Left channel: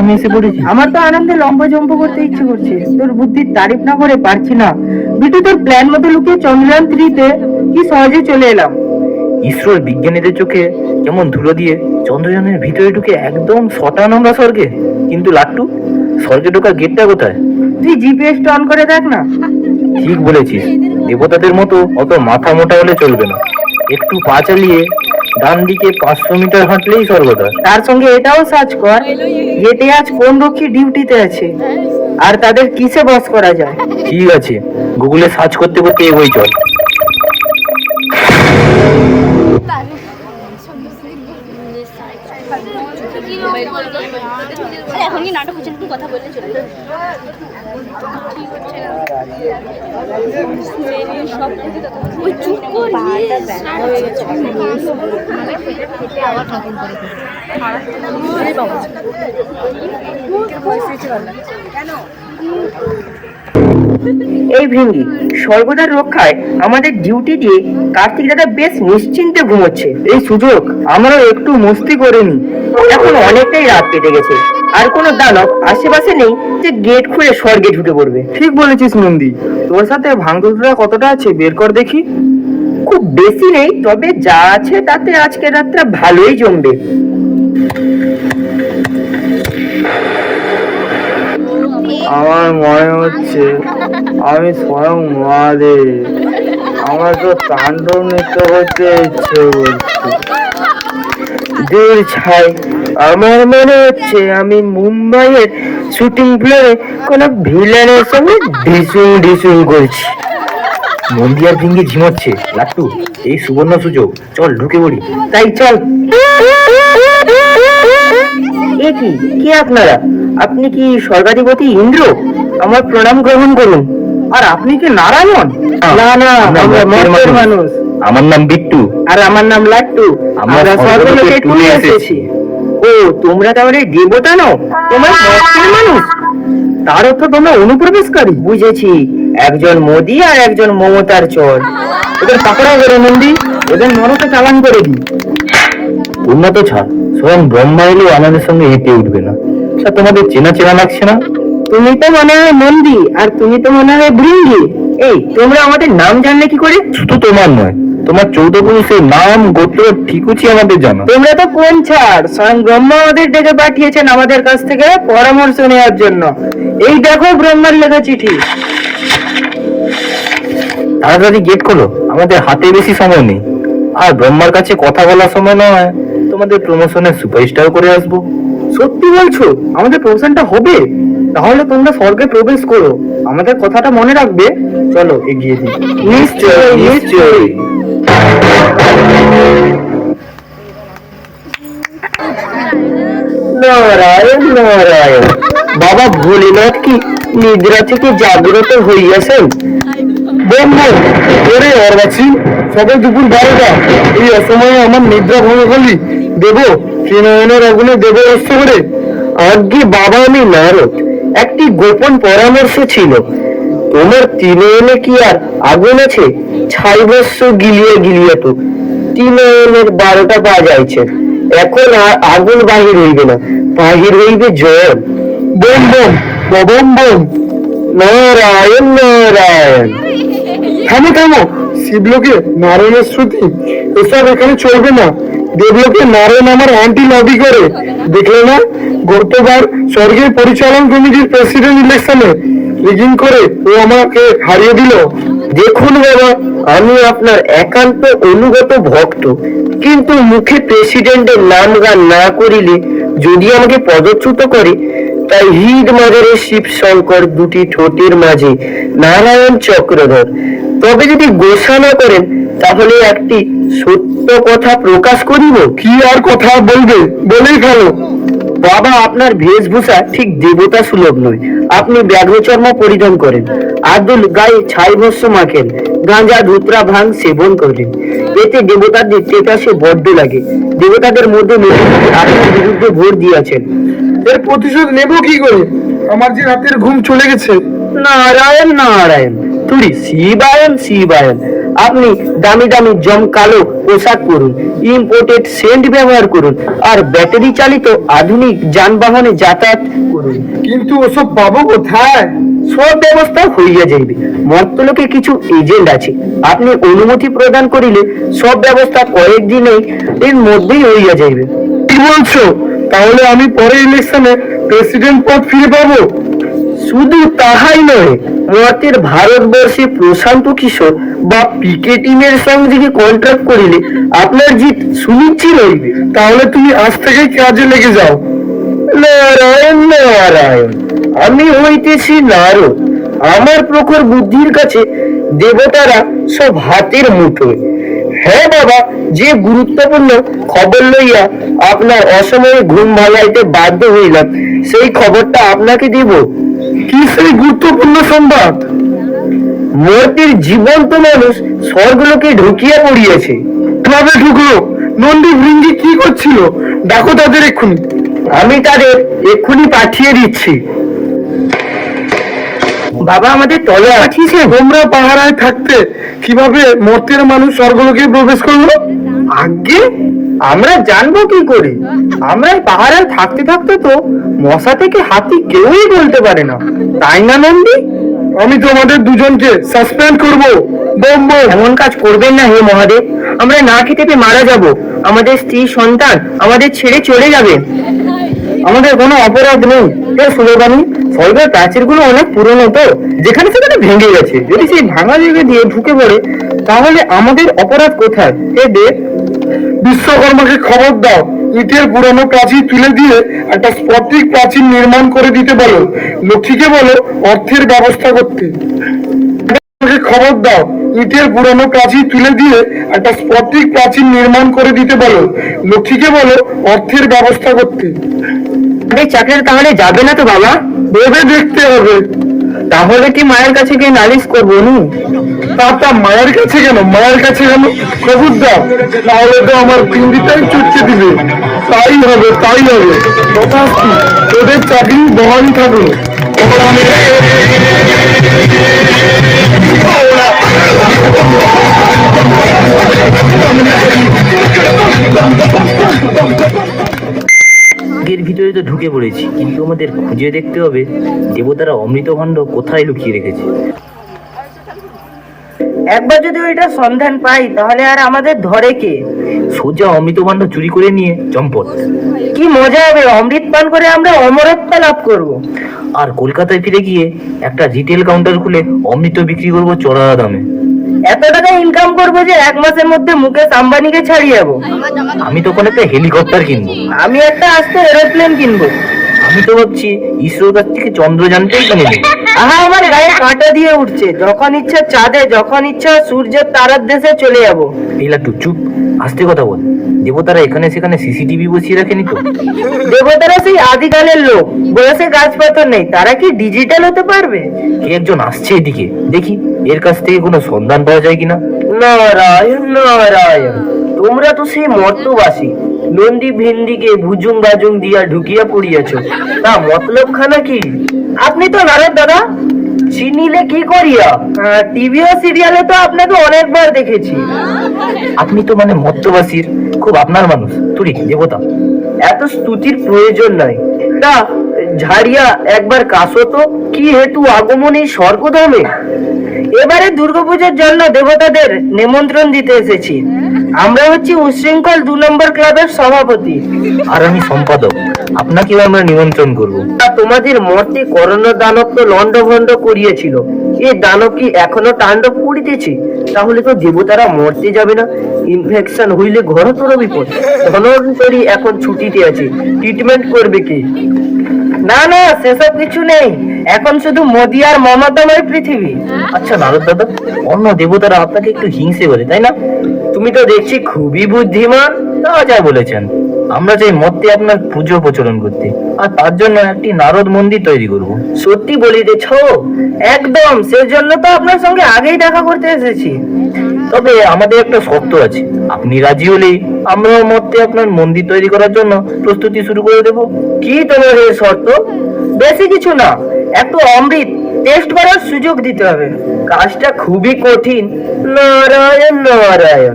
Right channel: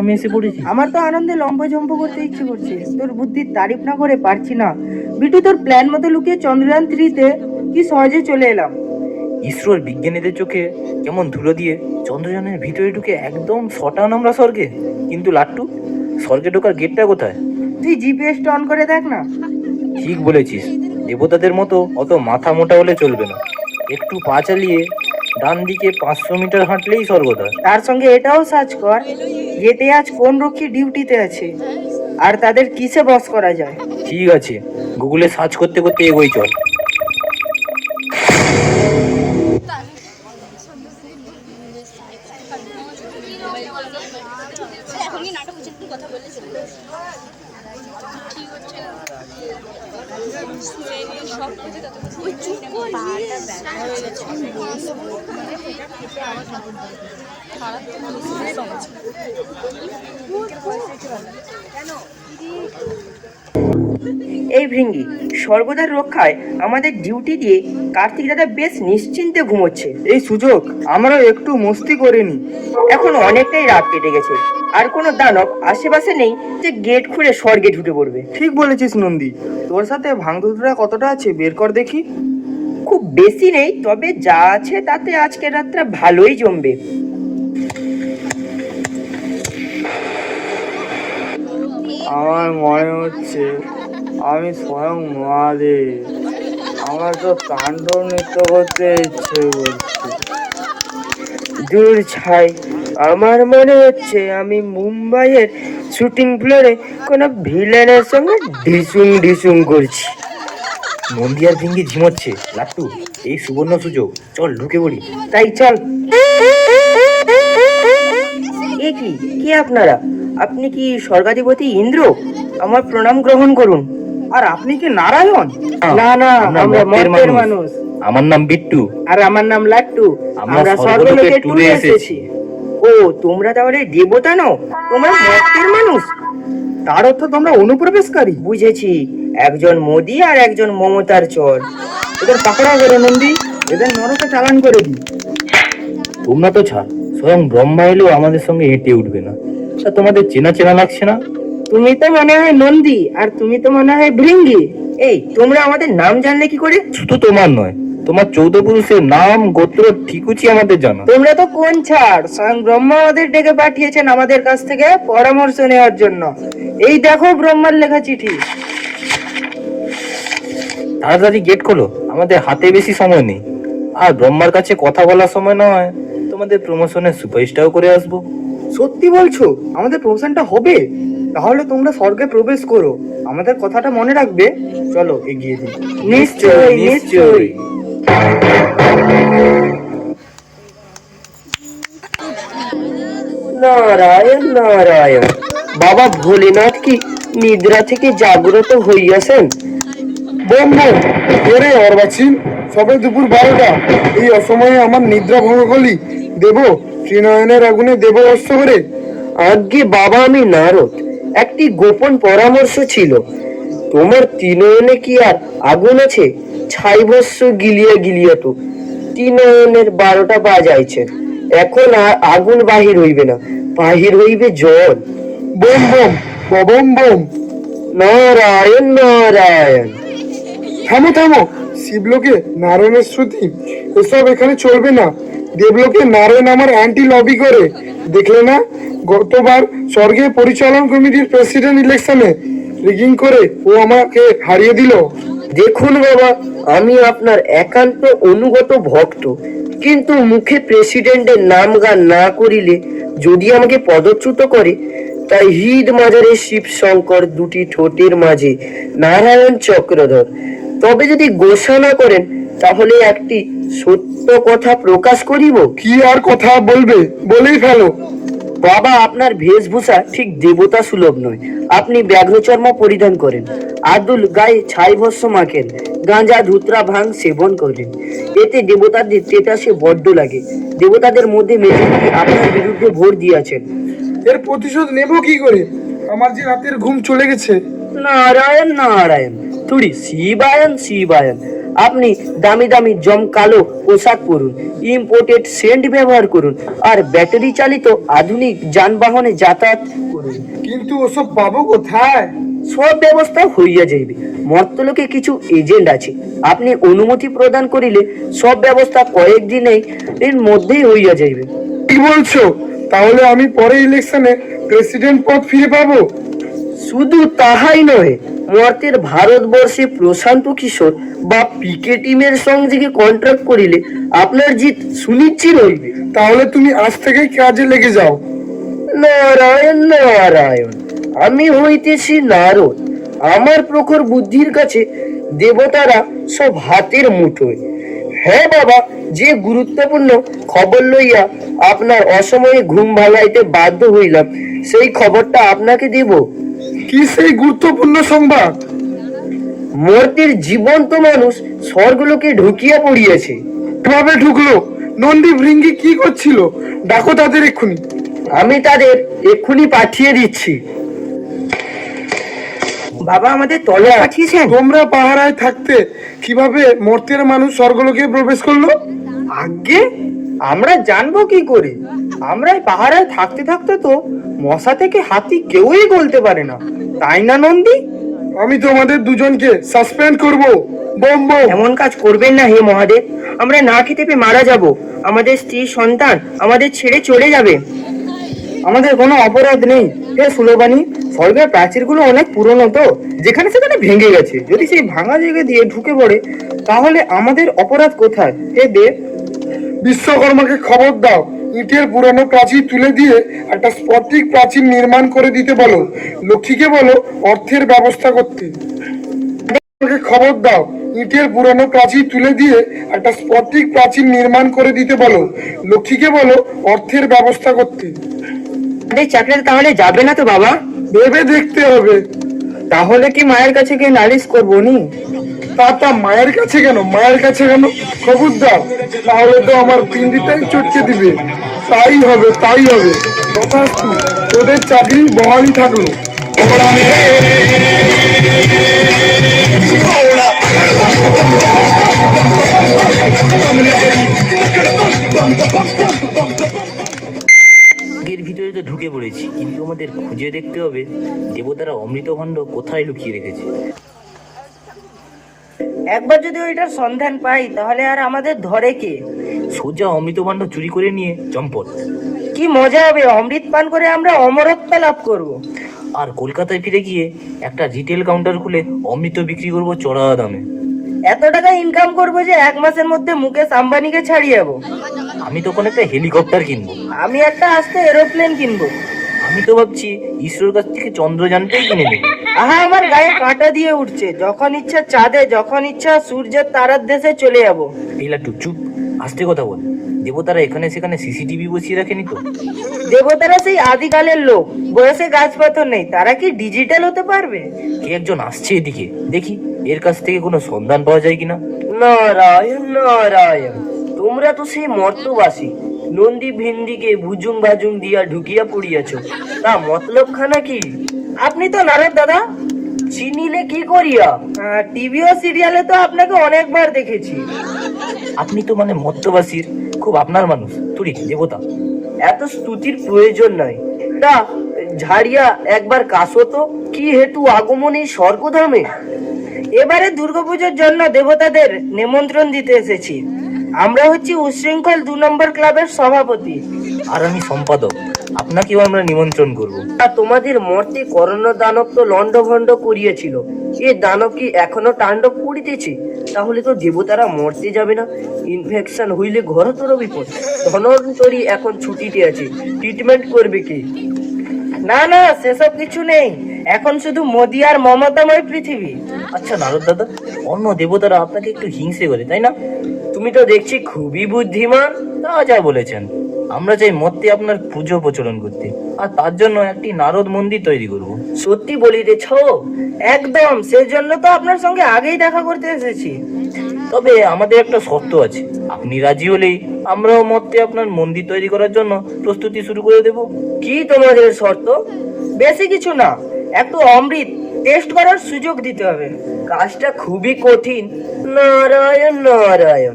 আমি এসে পড়েছি। আমার তো আনন্দে লম্বা জম্প করতে ইচ্ছে করছে, তোর বুদ্ধির তারিফ না করে পারছি না। বিটু, তোর প্ল্যান মতো লুকিয়ে চন্দ্রযান 3-তে কি সহজে চলে এলাম। ইসরোর বিজ্ঞানীদের চোখে যেমন ধুলো দিয়ে চন্দ্রযানের ভিতরে ঢুকে একদম শটান আমরা স্বর্গে। কিন্তু লাট্টু, স্বর্গে ঢোকার গেটটা কোথায়? তুই জিপিএস অন করে দেখ না। ঠিক বলেছিস, দেবতাদের মতো অত মাথা মোটা হলে চলবে না। একটু পা চালিয়ে ডান দিকে 500 মিটার হাঁটলেই স্বর্গটা। তার সঙ্গে এটাও সার্চ কর, যেতে আজ কোন রক্ষী ডিউটিতে আছে আর তাদের কিসে বস করা যায়। ঠিক আছে, গুগলে সার্চ করতে করতে এগোই চল। এখনই নাটক হচ্ছে, একটু কথা বলতে চাই। ওই চুপ কর, হয়ে গেছে। এই ভৃঙ্গি, স্বর্গদার রক্ষায় আমাদের ডিউটি দিয়ে কার্তিক দাদা বেশ নিশ্চিন্তে ঘুমোচ্ছে। এই সুযোগ আমরাও একটু মস্তি করে নি। এখন অনেকটাই রাত কেটে গেছে, আর কোনো দানব আশেপাশে নেই যে গেট খুলে স্বর্গে ঢুকে পড়বে। ঠিক বলেছিস নন্দী, তোর সাথে ভাঙচুরা কতটা আছে বের কর দেখি। খুব বেশি নেই, তবে যা আছে তাতে আজকে রাতটা ভালোই জমবে। আমার মনে হচ্ছে আমি স্বয়ং মহাদেব, আমার তো তাণ্ডব নৃত্য করতে ইচ্ছে করছে। দূর ছাই, আমার মনে হচ্ছে আমি মুম্বাইয়ের শুটিং ফ্লোরে কোন ভিলেনের সঙ্গে ডিসুং ডিসুং করছি। নন্দী আর ভৃঙ্গি ঝিমোচ্ছে। লাট্টু, এই সুবর্ণ সুযোগ, চল ঢুকে পড়ি। তাই চল। এ কি কি আপনারা? আপনি কি স্বর্গাধিপতি ইন্দ্র? আমার প্রণাম গ্রহণ করুন। আর আপনি কি নারায়ণ? না না, আমরা মর্তের মানুষ। আমার নাম বিট্টু। আর আমার নাম লাট্টু। আমরা আমরা স্বর্গলোকে স্বর্গলোকে ট্যুরে ট্যুরে এসেছি। এসেছি। ও, তোমরা তাহলে দেবতা নও, তোমরা মর্তের মানুষ। তার অর্থ তোমরা অনুপ্রবেশকারী। বুঝেছি, একজন মোদি আর একজন মমতার চর। এদের পাকড়া করে নন্দী, এদের মনকে চালান করে দিই। তোমরা তো ছাড়, স্বয়ং ব্রহ্মা এলেও আমাদের সঙ্গে হেঁটে উঠবে না। আচ্ছা, তোমাদের চেনা চেনা লাগছে না? তুমি তো মনে হয় নন্দী, আর তুমি তো মনে হয় ভৃঙ্গি। এই, তোমরা আমাদের নাম জানলে কি করে? শুধু তোমার নয়, তোমার 14 পুরুষের নাম গোত্র ঠিকুচি আমাদের জানা। তোমরা তো কোন ছাড়, স্বয়ং ব্রহ্মা আমাদের ডেকে পাঠিয়েছেন আমাদের কাছ থেকে পরামর্শ নেওয়ার জন্য। এই দেখো ব্রহ্মার লেখা চিঠি। তাড়াতাড়ি গেট খোলো, আমাদের হাতে বেশি সময় নেই। আর ব্রহ্মার কাছে কথা বলার সময় নয়, তোমাদের প্রমোশনের সুপারস্টার করে আসবো। সত্যি বলছো? আমাদের প্রমোশনটা হবে? তাহলে তোমরা স্বর্গে প্রবেশ করো, আমাদের কথাটা মনে রাখবে। চলো এগিয়ে দিই। নিশ্চয়ই নিশ্চয়ই। নারায়ণ নারায়ণ। বাবা ভোলেনাথ কি নিদ্রা থেকে জাগ্রত হইয়াছেন? বন্ধু, ওরে অর্বাচীন, সবাই দুপুর 12টা, এই অসময়ে আমার নিদ্রা ভঙ্গ করলি। দেব শ্রীনয়নের আগুনে দেব অস্ত্র করে। আজ্ঞে বাবা, আমি নারদ। একটি গোপন পরামর্শ ছিল। তোমার তিনয়নে কি আর আগুন আছে? ছাইবস্য গিলিয়ে গিলিয়ে তো তিনয়নের 12টা বাজাইছে। এখন আর আগুন বাহির হইবে না, বাহির হইবে জল। বোম বোম, ববম বোম। নারায়ণ নারায়ণ। থামো থামো, শিবলোকে নারায়ণের শ্রুতি, এসব এখানে চলবে না। দেবলোকে নারায়ণ আমার অ্যান্টি লবি করে, দেখলে না? গতবার স্বর্গের পরিচালন কমিটির প্রেসিডেন্ট ইলেকশনে রিগিং করে ও আমাকে হারিয়ে দিল। দেখুন বাবা, আমি আপনার একান্ত অনুগত ভক্ত, কিন্তু মুখে প্রেসিডেন্টের নাম গান না করিলে যদি আমাকে পদচ্যুত করে, তাই হৃদ মাজারের শিব শঙ্কর দুটি ঠোঁটের মাঝে নারায়ণ চক্রধর। তবে যদি গোসা না করেন, তাহলে একটি সত্য কথা প্রকাশ করিব। কি আর কথা বলবে, বলেই ফেলো। বাবা, আপনার বেশভূষা ঠিক দেবতা সুলভ নয়। আপনি ব্যাঘ্রচর্ম পরিধান করেন, আদুল গায়ে ছাই ভস্য মাখেন, গাঁজা ধুতরা ভাং সেবন করেন। এতে দেবতাদের তেতাসে বড্ড লাগে। দেবতাদের মধ্যে আপনার বিরুদ্ধে ভোট দিয়েছেন। এর প্রতিশোধ নেব কি করে? আমার যে রাতের ঘুম চলে গেছে। নারায়ণ নারায়ণ, তুই শিবায়ন শিবায়ন। আপনি দামি দামি জমকালো পোশাক পরুন, ইম্পোর্টেড সেন্ট ব্যবহার করুন, আর ব্যাটারি চালিত আধুনিক যানবাহনে যাতায়াত করুন। কিন্তু ওসব পাবো কোথায়? সব ব্যবস্থা হইয়া যাইবে। মর্তলোকে কিছু এজেন্ট আছে, আপনি অনুমতি প্রদান করিলে সব ব্যবস্থা কয়েকদিনেই এর মধ্যেই হইয়া যাইবে। কি বলছো? তাহলে আমি পরে ইলেকশনে প্রেসিডেন্ট পদ ফিরে পাবো? শুধু তাহাই নয়, মর্তের ভারতবর্ষে প্রশান্ত কিশোর বা পিকে টিমের সঙ্গে কন্ট্রাক্ট করিলে আপনার জিত সুনিশ্চিত হইবে। তাহলে তুমি আজ থেকেই কাজে লেগে যাও। নারায়ণ নারায়ণ, আমি হইতেছি নারদ। আমার প্রখর বুদ্ধির কাছে দেবতারা সব হাতের মুঠোয়। হ্যাঁ বাবা, যে গুরুত্বপূর্ণ খবর লইয়া আপনার অসময়ে ঘুম ভাঙাইতে বাধ্য হইলাম, সেই খবরটা আপনাকে দেব। কি সেই গুরুত্বপূর্ণ সংবাদ? মূর্তির জীবন্ত মানুষ স্বর্গলোকে ঢুকিয়া পড়িয়াছে। কিভাবে ঢুকলো? নন্দী ভৃঙ্গি কি করছিল? ডাকো তাদের এক্ষুনি। আমি তাদের এক্ষুনি পাঠিয়ে দিচ্ছি। বাবা, আমাদের তলে পাঠিয়েছে। তোমরা পাহারায় থাকতে কিভাবে মর্তের মানুষ স্বর্গলোকে প্রবেশ করলো? আগে আমরা জানবো কি করে? আমরা পাহাড়ায় থাকতে থাকতে তো মশা থেকে হাতি কেউই বলতে পারে না, তাই না নন্দী? আমি তোমাদের দুজনকে সাসপেন্ড করবো। Bomb bomb. এমন কাজ করবেন না হে মহাদেব, আমরা না খেতে পেয়ে মারা যাব, আমাদের স্ত্রী সন্তান আমাদের ছেড়ে চলে যাবে। আমাদের কোনো অপরাধ নেই। সুলেবানি, স্বর্গের প্রাচীরগুলো অনেক পুরনো তো, যেখানে সেখানে ভেঙে গেছে। যদি সেই ভাঙা জায়গা দিয়ে ঢুকে পড়ে তাহলে আমাদের অপরাধ কোথায়? হে দেব, বিশ্বকর্মাকে খবর দাও, ইটের পুরনো প্রাচীর তুলে দিয়ে একটা স্ফটিক প্রাচীর নির্মাণ করে দিতে বলো। লক্ষ্মীকে বলো অর্থের ব্যবস্থা করতে। আমাকে খবর দাও, ইটের পুরনো প্রাচীর তুলে দিয়ে একটা স্ফটিক প্রাচীর নির্মাণ করে দিতে বলো। লক্ষ্মীকে বলো অর্থের ব্যবস্থা করতে। এই চাকরির তাহলে যাবে না তো বাবা? ভেবে দেখতে হবে। তাহলে কি মায়ের কাছে গিয়ে নালিশ করবো নি? তা মায়ের কাছে কেন? মায়ের কাছে কেন? খবর দাও, তাহলে তো আমার পিন্ডিটাই চটকে দিবে। তাই হবে, তাই হবে। তথাস্তু, তোদের চাকরি বহালি থাকলো। এর ভিতরে তো ঢুকে পড়েছি, কিন্তু আমাদের খুঁজে দেখতে হবে দেবতারা অমৃত ভাণ্ড কোথায় লুকিয়ে রেখেছে। একবার যদি ওইটা সন্ধান পাই তাহলে আর আমাদের ধরে কে? সোজা অমৃত ভাণ্ড চুরি করে নিয়ে চম্পট। কি মজা হবে! অমৃত পান করে আমরা অমরত্ব লাভ করব। আর কলকাতায় ফিরে গিয়ে একটা রিটেল কাউন্টার খুলে অমৃত বিক্রি করবো চড়া দামে। এত টাকা ইনকাম করবো যে 1 মাসের মধ্যে মুকেশ আম্বানিকে ছাড়িয়ে যাবো। আমি তখন একটা হেলিকপ্টার কিনবো। আমি একটা আস্তে এরোপ্লেন কিনবো। আমি তো ভাবছি ইসরোর কাছ থেকে চন্দ্রযানটাই কিনে নেব। আহা, আমার গায়ে কাঁটা দিয়ে উঠছে। যখন ইচ্ছা চাঁদে, যখন ইচ্ছা সূর্যের তারার দেশে চলে যাবো। এই লাট্টু চুপ, আস্তে কথা বল। দেবতারা এখানে সেখানে সিসিটিভি বসিয়ে রাখেনি তো? দেবতারা সেই আদিকালের লোক, বয়সে গাছপাথর নেই, তারা কি ডিজিটাল হতে পারবে? কে একজন আসছে এদিকে, দেখি এর কাছ থেকে কোনো সন্ধান পাওয়া যায় কিনা। নারায়ণ নারায়ণ, তোমরা তো সেই মর্তবাসী। নন্দী ভিন্দিকে ভুজুং বাজুং দিয়া ঢুকিয়া পড়িয়াছ, তা মতলব খানা কি? আপনি তো নারদ দাদা, চিনিলে কি করিয়া? টিভি ও সিরিয়ালে তো আপনাকে অনেকবার দেখেছি। আপনি তো মানে মত্তবাসীর খুব আপনার মানুষ, তুই দেবতা। এত স্তুতির প্রয়োজন নাই। তা ঝাড়িয়া একবার কাশো তো, কি হেতু আগমন এই স্বর্গধামে? এবারে দুর্গাপূজার জন্য দেবতাদের নিমন্ত্রণ দিতে এসেছি। আমরা হচ্ছি উশৃঙ্খল 2 নম্বর ক্লাবের সভাপতি। আর আমি সম্পাদক, আপনাকেও আমরা নিমন্ত্রণ করব। তা তোমাদের মর্তে করোনা দানব তো লন্ডভন্ড করিয়েছিল, এই দানব কি এখনো তাণ্ডব করিতেছে? তাহলে তো দেবতারা মরতে যাবে না। ইনফেকশন হইলে ঘরতর বিপদ। ধনন্তরী এখন ছুটিতে আছে, ট্রিটমেন্ট করবে কি? না না, সেসব কিছু নেই। এখন শুধু মোদি আর মমতাময় পৃথিবী। আচ্ছা নারদ দাদা, অন্য দেবতারা আপনাকে একটু হিংসে করে, তাই না? তুমি তো দেখছি খুবই বুদ্ধিমান। তা যা বলেছেন। আমরা চাই মর্তে আপনার পুজো প্রচলন করতে, আর তার জন্য একটি নারদ মন্দির তৈরি করব। সত্যি বলিতেছ? একদম, সেজন্য তো আপনার সঙ্গে আগেই দেখা করতে এসেছি। তবে আমাদের একটা শর্ত আছে, আপনি রাজি হলেই আমরাও মর্তে আপনার মন্দির তৈরি করার জন্য প্রস্তুতি শুরু করে দেব। কি তোমাদের শর্ত? বেশি কিছু না, একটু অমৃত টেস্ট করার সুযোগ দিতে হবে। কাজটা খুবই কঠিন। নারায়ণ নারায়ণ,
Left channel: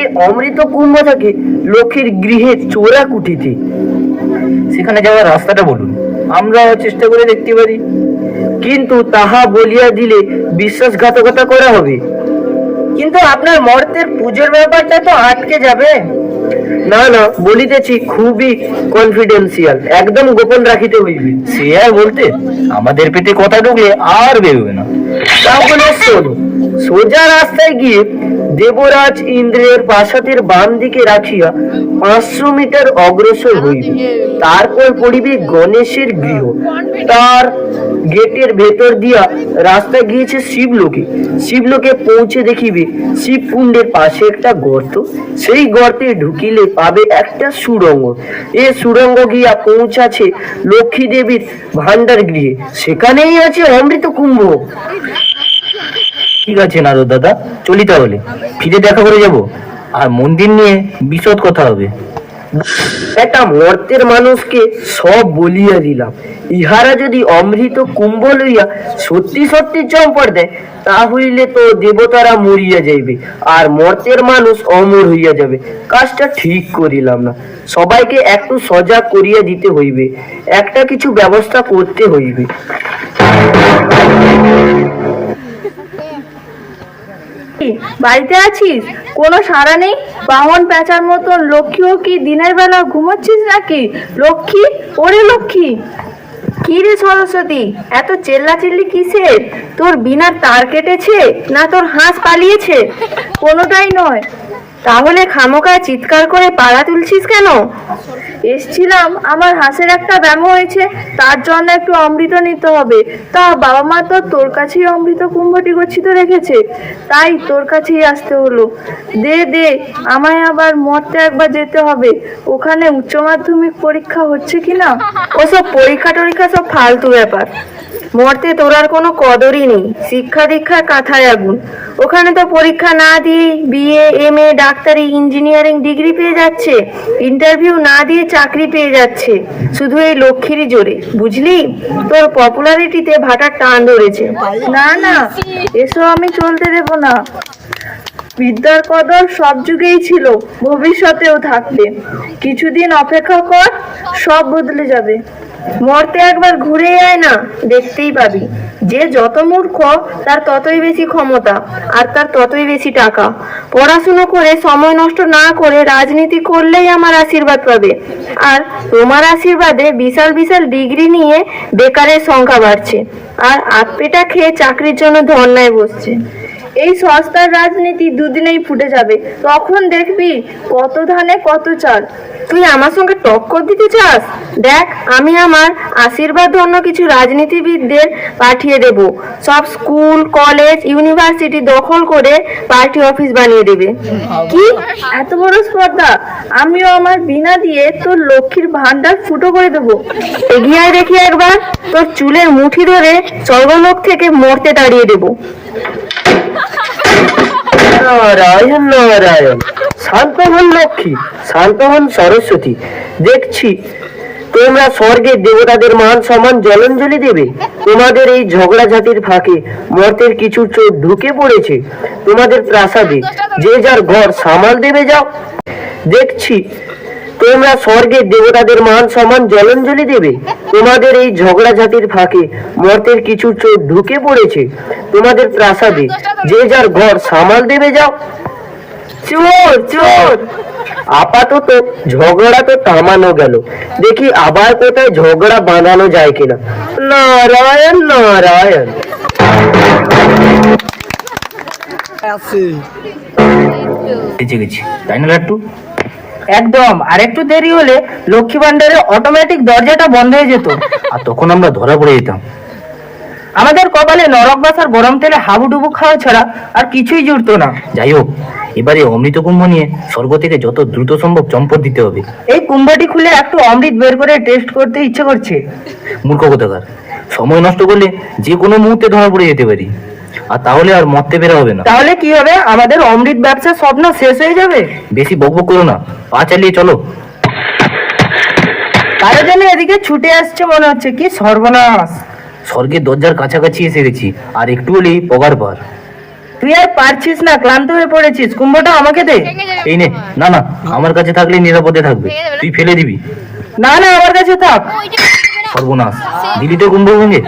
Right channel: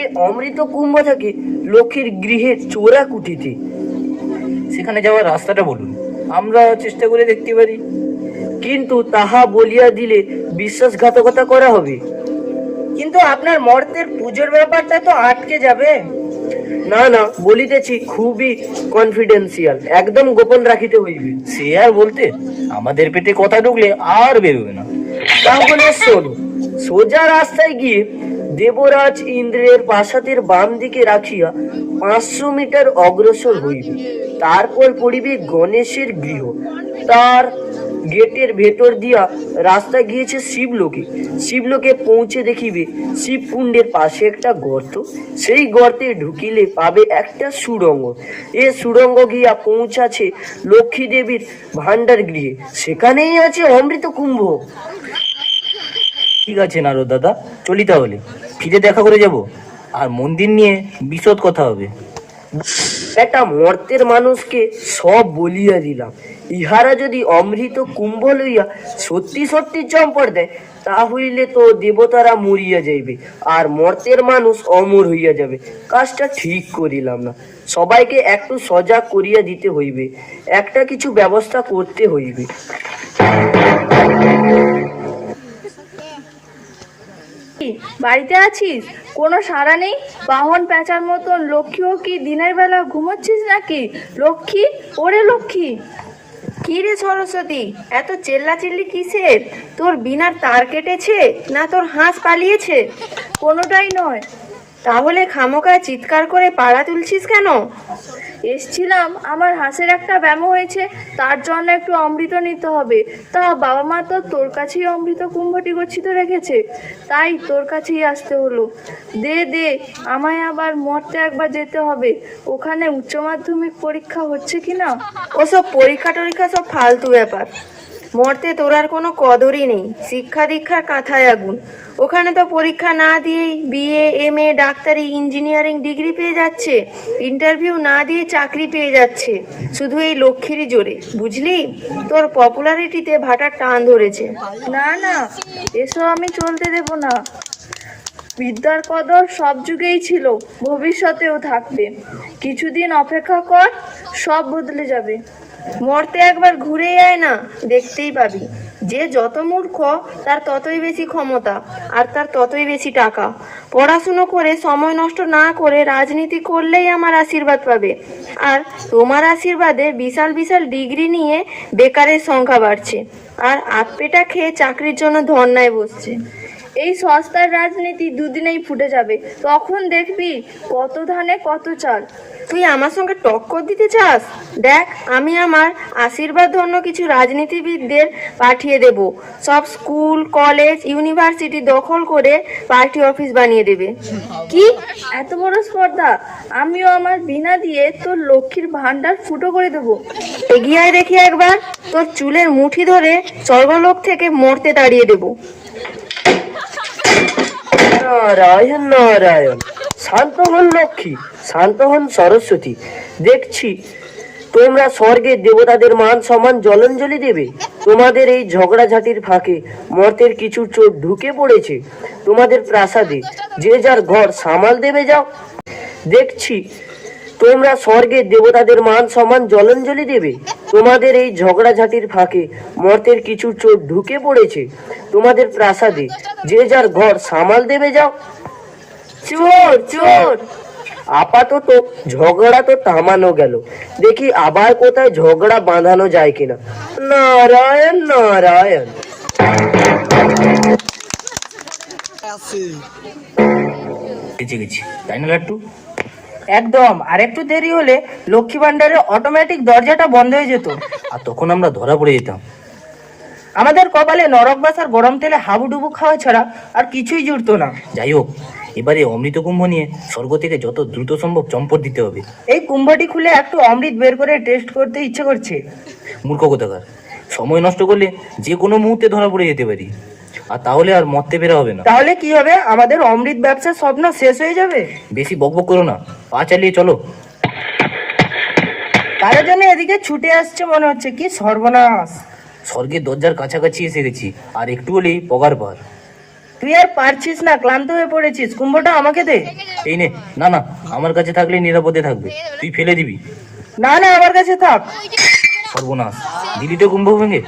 এ অমৃত কুম্ভ থাকে লক্ষ্মীর গৃহে চোরা কুঠিতে। সেখানে যাওয়ার রাস্তাটা বলুন, আমরা চেষ্টা করে দেখতে পারি। কিন্তু তাহা বলিয়া দিলে বিশ্বাসঘাতকতা করা হবে। কিন্তু আপনার মর্তের পুজোর ব্যাপারটা তো আটকে যাবে। না না, বলিতেছি খুবই কনফিডেন্সিয়াল, একদম গোপন রাখিতে হইবে। সে আর বলতে, আমাদের পেটে কথা ঢুকলে আর বেরোবে না। তাহলে শোনো, সোজা রাস্তায় গিয়ে দেবরাজ ইন্দ্রের প্রাসাদের বাম দিকে রাখিয়া 500 মিটার অগ্রসর হইবে। তারপর পড়িবে গণেশের গৃহ। তার গেটের ভেতর দিয়া রাস্তা গিয়েছে শিবলোকে। শিবলোকে পৌঁছে দেখিবে শিবকুণ্ডের পাশে একটা গর্ত। সেই গর্তে ঢুকিলে পাবে একটা সুড়ঙ্গ। এ সুড়ঙ্গ গিয়া পৌঁছাছে লক্ষ্মী দেবীর ভান্ডার গৃহে। সেখানেই আছে অমৃত কুম্ভ। ঠিক আছে নারদ দাদা, চলি তাহলে। ফিরে দেখা করে যাব, আর মন্দির নিয়ে বিশদ কথা হবে। একটা মর্তের মানুষকে সব বলিয়া দিলাম। ইহারা যদি অমৃত কুম্ভ লইয়া সত্যি সত্যি চম্পট দেয়, তা হইলে তো দেবতারা মরিয়া যাইবে আর মর্তের মানুষ অমর হইয়া যাবে। কাজটা ঠিক করিলাম না। সবাইকে একটু সজাগ করিয়া দিতে হইবে, একটা কিছু ব্যবস্থা করতে হইবে। বাড়িতে আছিস? কোনো সাড়া নেই। বাহন পেঁচার মতন। লক্ষ্মীও কি দিনের বেলা ঘুমাচ্ছিস নাকি? লক্ষ্মী, ওরে লক্ষ্মী! কি রে সরস্বতী, এত চেল্লাচিল্লি কিসের? তোর বিনার তার কেটেছে না তোর হাঁস পালিয়েছে? কোনোটাই নয়। তাহলে খামোকা চিৎকার করে পাড়া তুলছিস কেন? এসছিলাম, আমার হাঁসের একটা ব্যামো হয়েছে, তার জন্য একটু অমৃত নিতে হবে। তা বাবা মা তো তোর কাছেই অমৃত কুম্ভটি গচ্ছিত রেখেছে, তাই তোর কাছেই আসতে হলো। দে দে, আমায় আবার মরতে একবার যেতে হবে। ওখানে উচ্চ মাধ্যমিক পরীক্ষা হচ্ছে কিনা? ওসব পরীক্ষা টরীক্ষা সব ফালতু ব্যাপার। মরতে তোর আর কোনো কদরই নেই। শিক্ষা দীক্ষার কাঁথায় আগুন। ওখানে তো পরীক্ষা না দিয়ে বিএ, এমএ, ডাক্তারি, ইঞ্জিনিয়ারিং ডিগ্রি পেয়ে যাচ্ছে। ইন্টারভিউ না দিয়ে চাকরি পেয়ে যাচ্ছে, শুধু এই লক্ষ্মীরই জোরে। বুঝলি, তোর পপুলারিটিতে ভাটার টান ধরেছে। না না, এসব আমি চলতে দেব না। বিদ্যার কদর সব যুগেই ছিল, ভবিষ্যতেও থাকবে। কিছুদিন অপেক্ষা কর, সব বদলে যাবে। মরতে একবার ঘুরে আয় না, দেখতেই পাবি। যে যত মূর্খ তার ততই বেশি ক্ষমতা, আর তার ততই বেশি টাকা। পড়াশুনো করে সময় নষ্ট না করে রাজনীতি করলেই আমার আশীর্বাদ পাবে। আর তোমার আশীর্বাদে বিশাল বিশাল ডিগ্রি নিয়ে বেকারের সংখ্যা বাড়ছে, আর আতপেটা খেয়ে চাকরির জন্য ধর্নায় বসছে। এই সস্তার রাজনীতি দুদিনেই ফুটে যাবে, তখন দেখবি কত ধানে কত চাল। তুই আমার সঙ্গে টক্কর দিতে চাস? দেখ, আমি আমার আশীর্বাদ ধন্য কিছু রাজনীতিবিদদের পাঠিয়ে দেব। সব স্কুল, কলেজ, ইউনিভার্সিটি দখল করে পার্টি অফিস বানিয়ে দেবে। কি এত বড় স্পর্ধা! আমিও আমার বিনা দিয়ে তোর লক্ষ্মীর ভান্ডার ফুটো করে দেবো। এগিয়ে আয় দেখি একবার, তোর চুলের মুঠি ধরে স্বর্গলোক থেকে মরতে তাড়িয়ে দেবো। নারায়ণ নারায়ণ, শান্ত হন লক্ষ্মী, শান্ত হন সরস্বতী। দেখছি তোমরা স্বর্গের দেবতাদের মান সম্মান জলাঞ্জলি দেবে। তোমাদের এই ঝগড়াঝাটির ফাঁকে মর্তের কিছু চোর ঢুকে পড়েছে তোমাদের প্রাসাদে। যে যার ঘর সামাল দেবে যাও। দেখছি তোমরা স্বর্গের দেবতাদের মান সম্মান জলাঞ্জলি দেবে। তোমাদের এই ঝগড়াঝাটির ফাঁকে মর্তের কিছু চোর ঢুকে পড়েছে তোমাদের প্রাসাদে। যে যার ঘর সামাল দেবে যাও। চোর চোর! আপাতত ঝগড়া তো থামানো গেল, দেখি আবার কোথায় ঝগড়া বাঁধানো যায় কিনা। নারায়ণ নারায়ণ। বেঁচে গেছি, তাই না লাট্টু? একদম। আর একটু দেরি হলে লক্ষ্মী ভান্ডারের অটোমেটিক দরজাটা বন্ধ হয়ে যেত, আর তখন আমরা ধরা পড়ে যেতাম। আমাদের কপালে নরক বাসার গরম তেলে হাবুডুবু খাওয়া ছাড়া আর কিছুই জুড়তো না। যাই হোক, এবারে অমৃত কুম্ভ নিয়ে স্বর্গ থেকে যত দ্রুত সম্ভব চম্পট দিতে হবে। এই কুম্ভটি খুলে একটু অমৃত বের করে টেস্ট করতে ইচ্ছে করছে। মূর্খ কোথাকার! সময় নষ্ট করলে যে কোনো মুহূর্তে ধরা পড়ে যেতে পারি, আর তাহলে আর মরতে বেরা হবে না। তাহলে কি হবে? আমাদের অমৃত ব্যবসার স্বপ্ন শেষ হয়ে যাবে। বেশি বকবক করো না, পা চালিয়ে চলো। কারো জন্য এদিকে ছুটে আসছে মনে হচ্ছে। কি সর্বনাশ! স্বর্গের দরজার কাছাকাছি এসে গেছি, আর একটু হলেই পগার পার। তুই আর পারছিস না, ক্লান্ত হয়ে পড়েছিস, কুম্ভটা আমাকে দে। এই নে, না না, আমার কাছে থাকলে নিরাপদে থাকবে, তুই ফেলে দিবি। না না, আমার কাছে থাক। সর্বনাশ, দিলি তো কুম্ভ ভেঙে।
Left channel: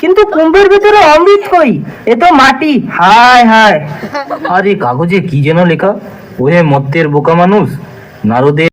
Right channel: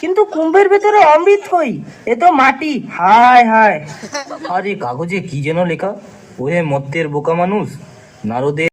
কিন্তু কুম্ভের ভিতরে অমৃত কই? এ তো মাটি। হায় হায়। আরে কাগজে কি যেন লেখা, ওহে মত্তের বোকা মানুষ, নারদের